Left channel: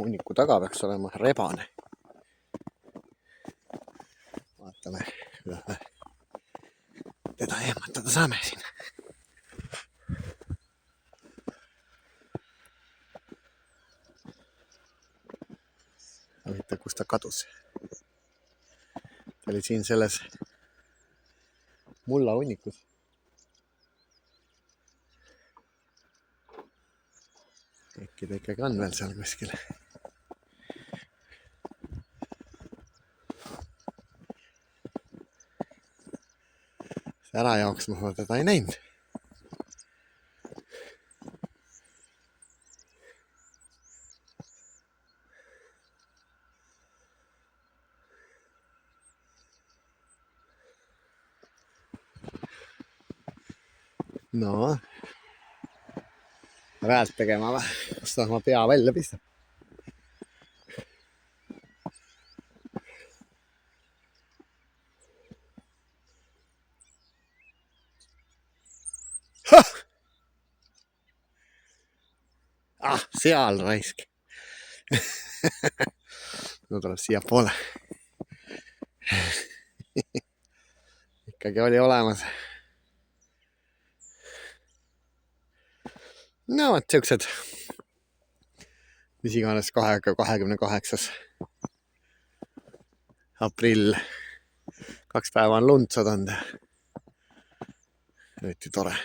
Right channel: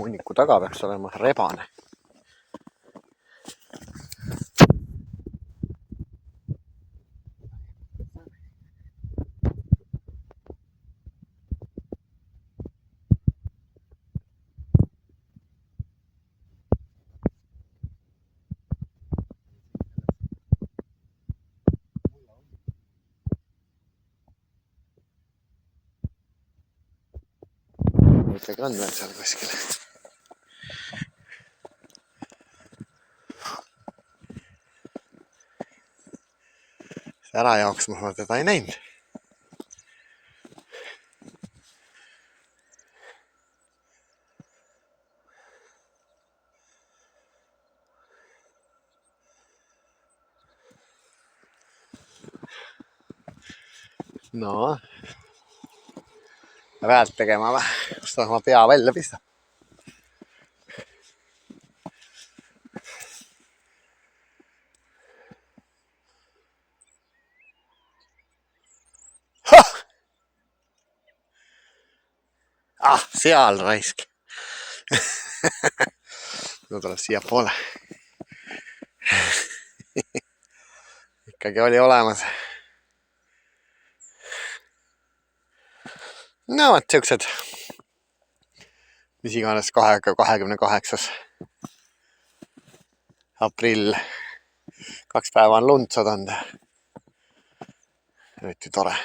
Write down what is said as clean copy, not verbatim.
hunniku taga peaks olema rebane. Vaatame, kuidas me teda eematada saame siin. Huvitav, kus ta kadus. Ta oli siin selles mulla hunnikus. Ikkagi on veel seal kuskil. Ära jooksma ma teda ei näinud. No, häält tegema või? Kus ta oma pea välja pistab? Seal raisk. No tuleb siia poole. Ikkagi oli olemas. No võt siuksed. Mis iganes 28. aprill. 2 päeva on lund sadanud. Nüüd tore.